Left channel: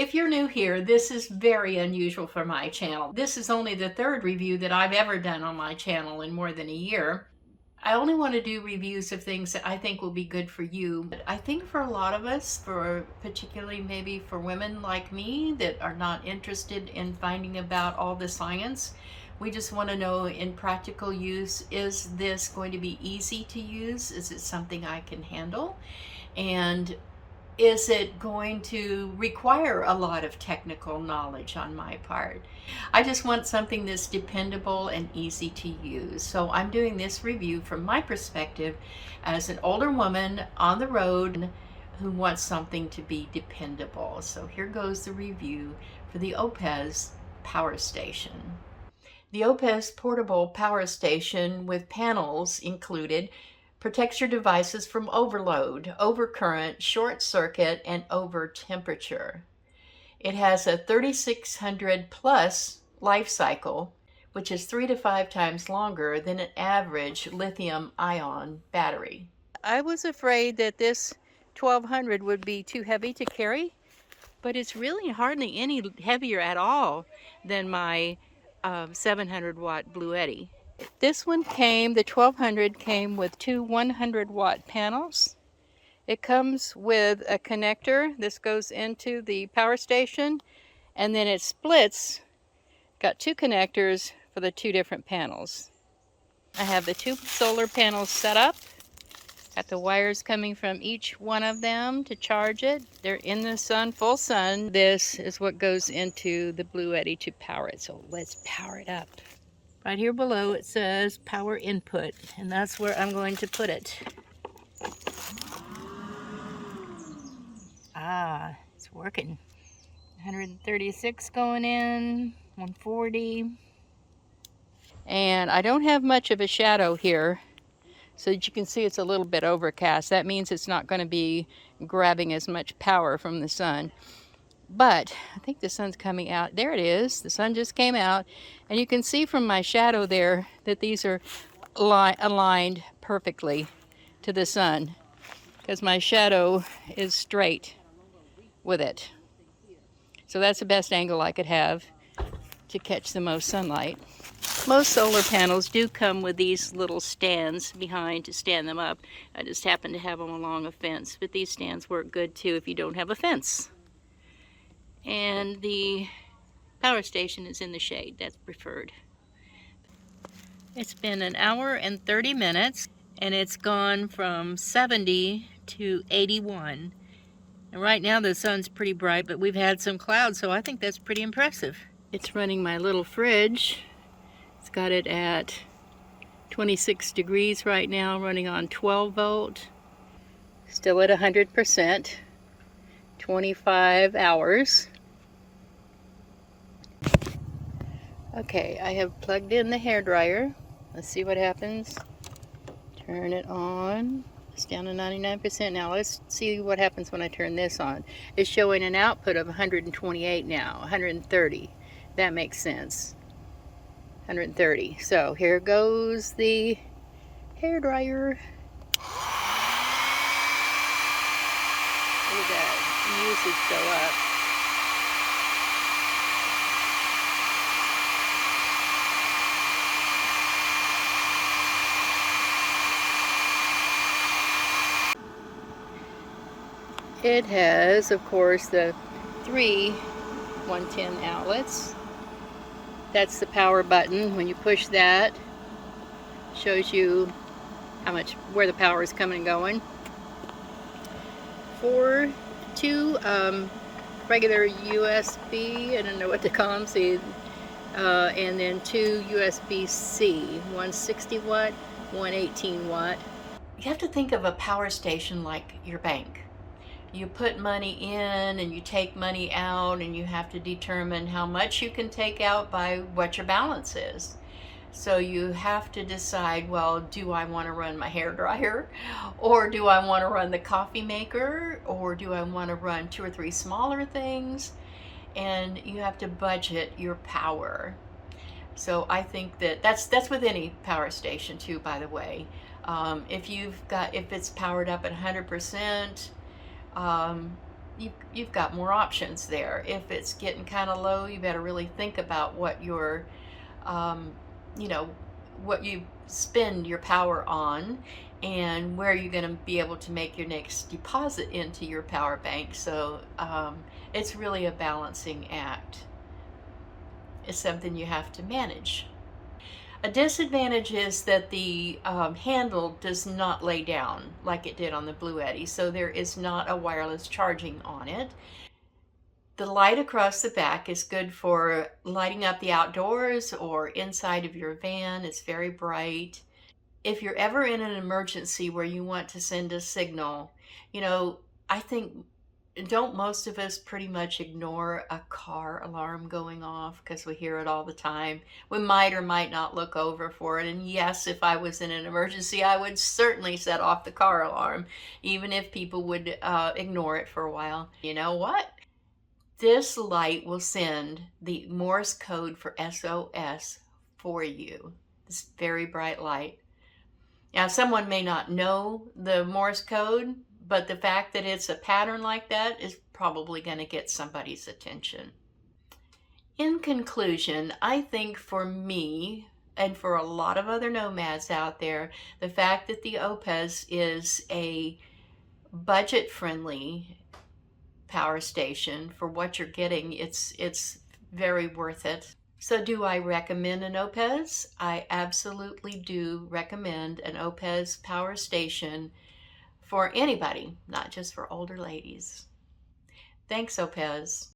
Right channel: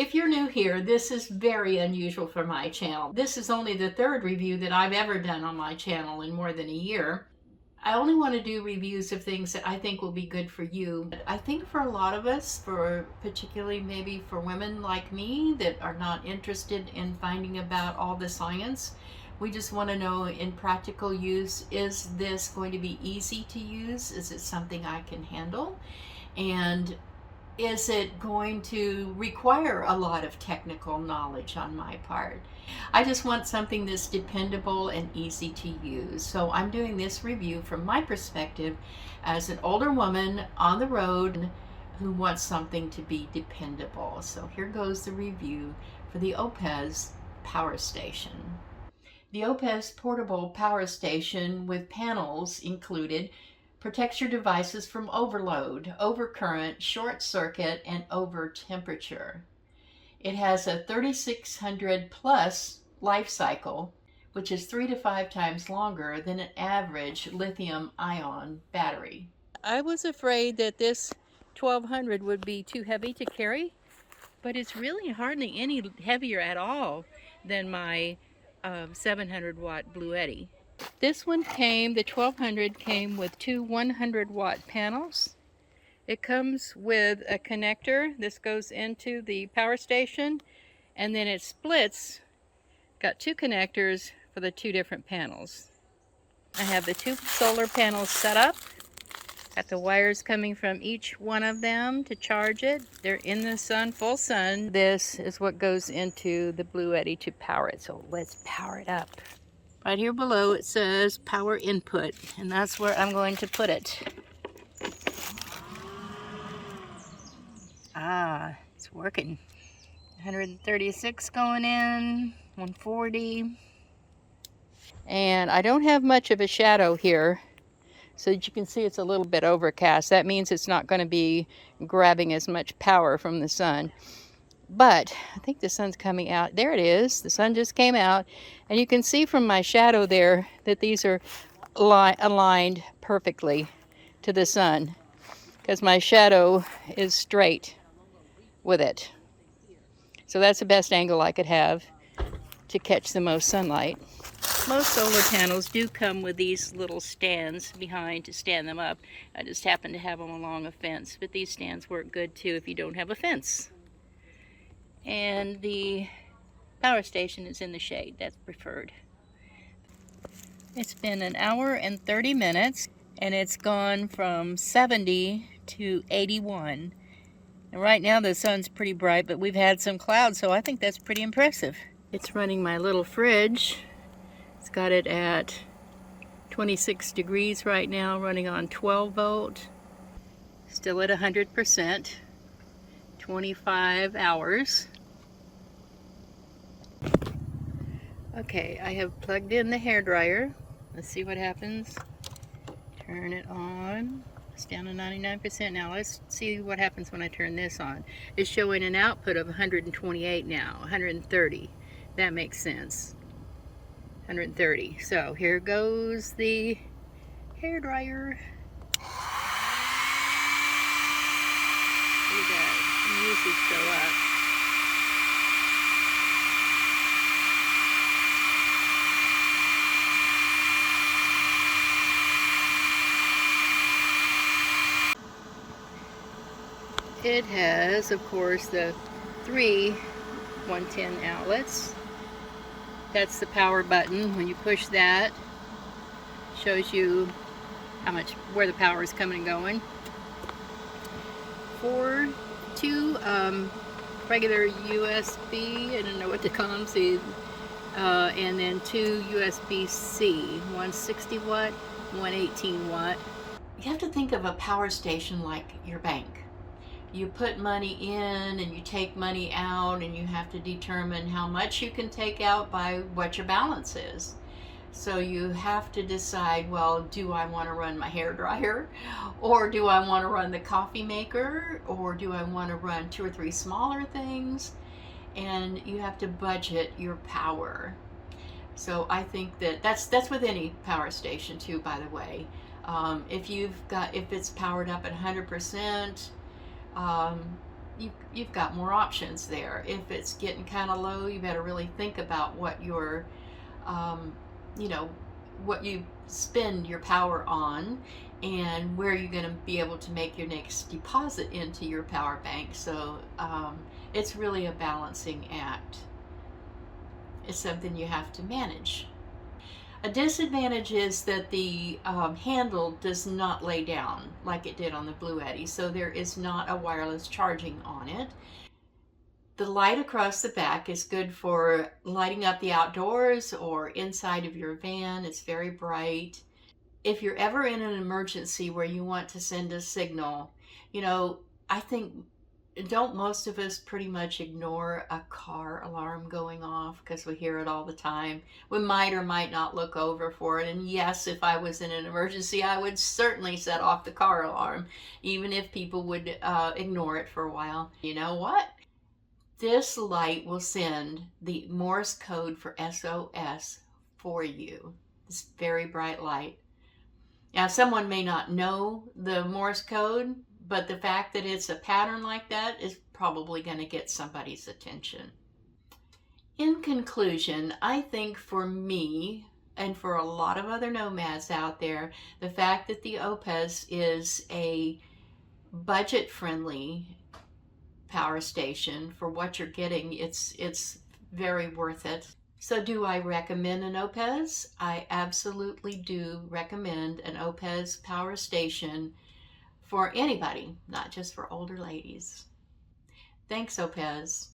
If you're new here, this is very unusual for my channel. This is only the third review that I've ever done on my channel in more than a year. I only want to do reviews of things that I think will be good for you. But I think for a lot of us, for particularly maybe for women like me that are not interested in finding about all the science, we just want to know in practical use, is this going to be easy to use? Is it something I can handle? And is it going to require a lot of technical knowledge on my part? I just want something that's dependable and easy to use. So I'm doing this review from my perspective as an older woman on the road who wants something to be dependable. So here goes the review for the Oupes power station. The Oupes portable power station with panels included protects your devices from overload, overcurrent, short circuit, and over temperature. It has a 3600 plus life cycle, which is 3 to 5 times longer than an average lithium ion battery. I was afraid that this 1200 would be too heavy to carry, but it's really hardly any heavier at all than my 700 watt Bluetti. This one came, the 1200 came with two 100 watt panels. It comes with a connector. This goes into the power station, and then it splits. Got two connectors for the two different panels. I have the two solar panels set up. Got the wires coming from each one of them to charge it. They're in the sun, full sun. This is what goes into the Bluetti to power it. So let's power it up. Right here below it says power input, and that's where I'm going to put it. It's working. 136 going in, 140. And I don't have much of a shadow here, so that you can see it's a little bit overcast. That means it's not going to be grabbing as much power from the sun. But I think the sun's coming out. There it is. The sun just came out. And you can see from my shadow there that these are aligned perfectly to the sun, because my shadow is straight with it. So that's the best angle I could have to catch the most sunlight. Most solar panels do come with these little stands behind to stand them up. I just happen to have them along a fence, but these stands work good too if you don't have a fence. And the power station is in the shade. That's preferred. It's been an hour and 30 minutes, and it's gone from 70 to 81. And right now the sun's pretty bright, but we've had some clouds, so I think that's pretty impressive. It's running my little fridge. It's got it at 26 degrees right now, running on 12 volt. Still at 100%. 25 hours. Okay, I have plugged in the hairdryer. Let's see what happens. Turn it on. It's down to 99% now. Let's see what happens when I turn this on. It's showing an output of 128 now, 130. That makes sense. 130. So here goes the hairdryer. Look at that. Usage go up. It has, of course, the three 110 outlets. That's the power button. When you push that, it shows you where the power is coming and going. Two regular USB, I don't know what to call them, see, and then two USB-C, one 60 watt, one 18 watt. You have to think of a power station like your bank. You put money in and you take money out, and you have to determine how much you can take out by what your balance is. So you have to decide, well, do I want to run my hairdryer, or do I want to run the coffee maker, or do I want to run 2 or 3 smaller things? And you have to budget your power. So I think that's with any power station too, by the way. If it's powered up at 100%, you've got more options there. If it's getting kind of low, you better really think about what your um, you know, what you spend your power on and where you're going to be able to make your next deposit into your power bank. So it's really a balancing act. It's something you have to manage. A disadvantage is that the handle does not lay down like it did on the Blue Eddy, so there is not a wireless charging on it. The light across the back is good for lighting up the outdoors or inside of your van. It's very bright. If you're ever in an emergency where you want to send a signal, you know, I think, don't most of us pretty much ignore a car alarm going off because we hear it all the time? We might or might not look over for it. And yes, if I was in an emergency, I would certainly set off the car alarm, even if people would ignore it for a while. You know what? This light will send the Morse code for SOS for you. This very bright light. Now, someone may not know the Morse code, but the fact that it's a pattern like that is probably going to get somebody's attention. In conclusion, I think for me, and for a lot of other nomads out there, the fact that the Oupes is a budget-friendly power station for what you're getting, it's very worth it. So do I recommend an Oupes? I absolutely do recommend an Oupes power station for anybody, not just for older ladies. Thanks, Oupes.